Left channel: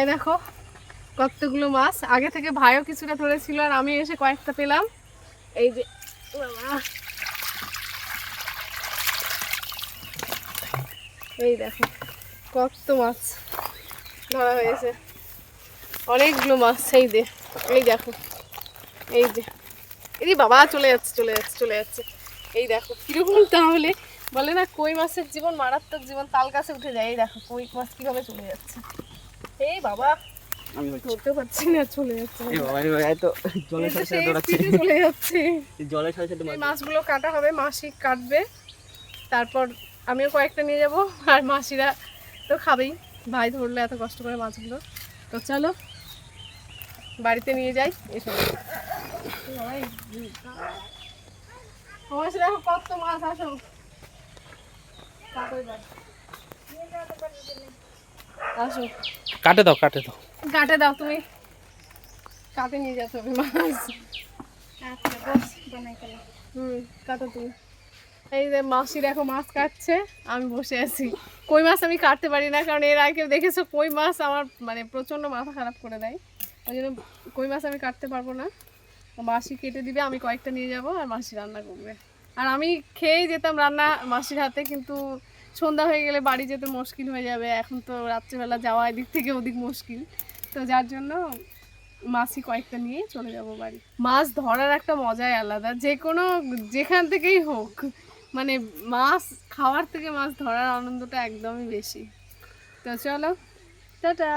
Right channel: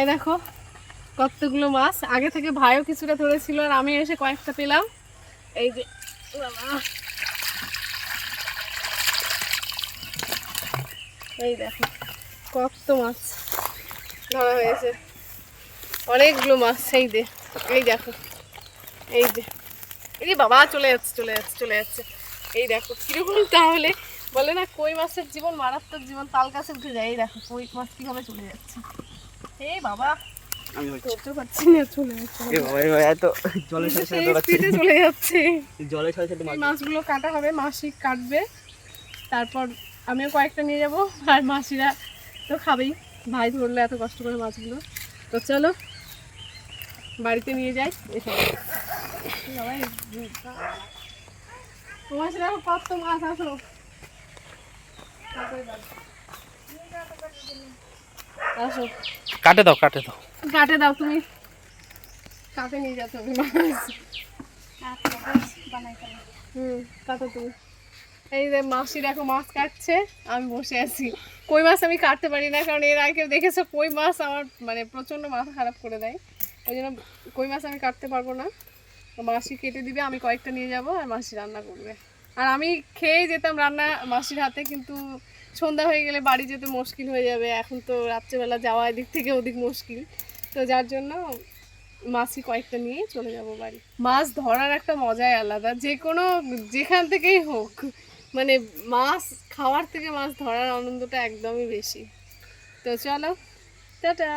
এই দেখো কতগুলো মাছ, আগে থেকে ভাইও কিছুটা ধরেছিল আর আমি এসে কয়েকটা পেলাম। এই যে বাবা, এই দেখো কত মাছ ধরা হয়েছে, অনেকগুলো মাছ। এই যে এই দেখো, এই যে এই বাবা চলে যাচ্ছে চলে যাচ্ছে চলে যাচ্ছে। এই দেখো কিরকম, তাহলে বলে না কই মাছের জীবন মারাত্মক জীবন, তাল গাছে উঠে যায়। এই দেখো কই মাছ কিভাবে চলে যাচ্ছে। এই বাবা আমি ধরতে পারছি না, চলে যাচ্ছে জলের সাথে সাথে সেই দৌড়াচ্ছি। স্পিডে চলে যাচ্ছে। জলের সাথে সাথে এই মাছগুলো কাটা হবে, মাসি কাটবে, তারপর আমিও কয়েকটা নিয়ে যাব, আর মাসিরা তো খাবেই, ভাই ধরলে এত কষ্ট করে মাছগুলো। তো চলো বাড়িতে নিয়ে যাই। এসব মাসিরা কত মাছ, আসো আসো কাটে দাও কাটে দাও। কাটে দাও, তুমি কাটে নিয়ে যাচ্ছ মাছ। কাটো তুমি। এই যে মাসি দেখো মাছ কাটছে, আমি বসে আছি। কই মাছ আমি কাটতে পারি না, কারণ এর আগে দেখেছো কই মাছ আমার মানে প্রচণ্ড মাথা খারাপ করে দেয়, ওই জন্য কই মাছ আমি কাটতে পারবো না। মাসি কেটে দিবে, আমি কয়েকটা নিয়ে যাব, আর মাসি রান্না করবে। আর আমি খেয়েই যেতাম রান্না মাসির হাতে, কিন্তু সন্ধ্যা হয়ে গেলে বাড়ি যেতে মুশকিল হয়ে যাবে, এখন তো রাত্রেবেলা যাওয়া এদিক থেকে ওদিক মুশকিল, তো যার জন্য মাছই কয়েকটা নিয়ে চলে যাব বাড়ি। মাছ ধরার একটা মজাই আলাদা, যে কোনো যেখান থেকেই হোক, মানে মাছ খাওয়ার থেকে মাছ ধরার আনন্দটা একদমই বেশি। তো চলো, টাটা।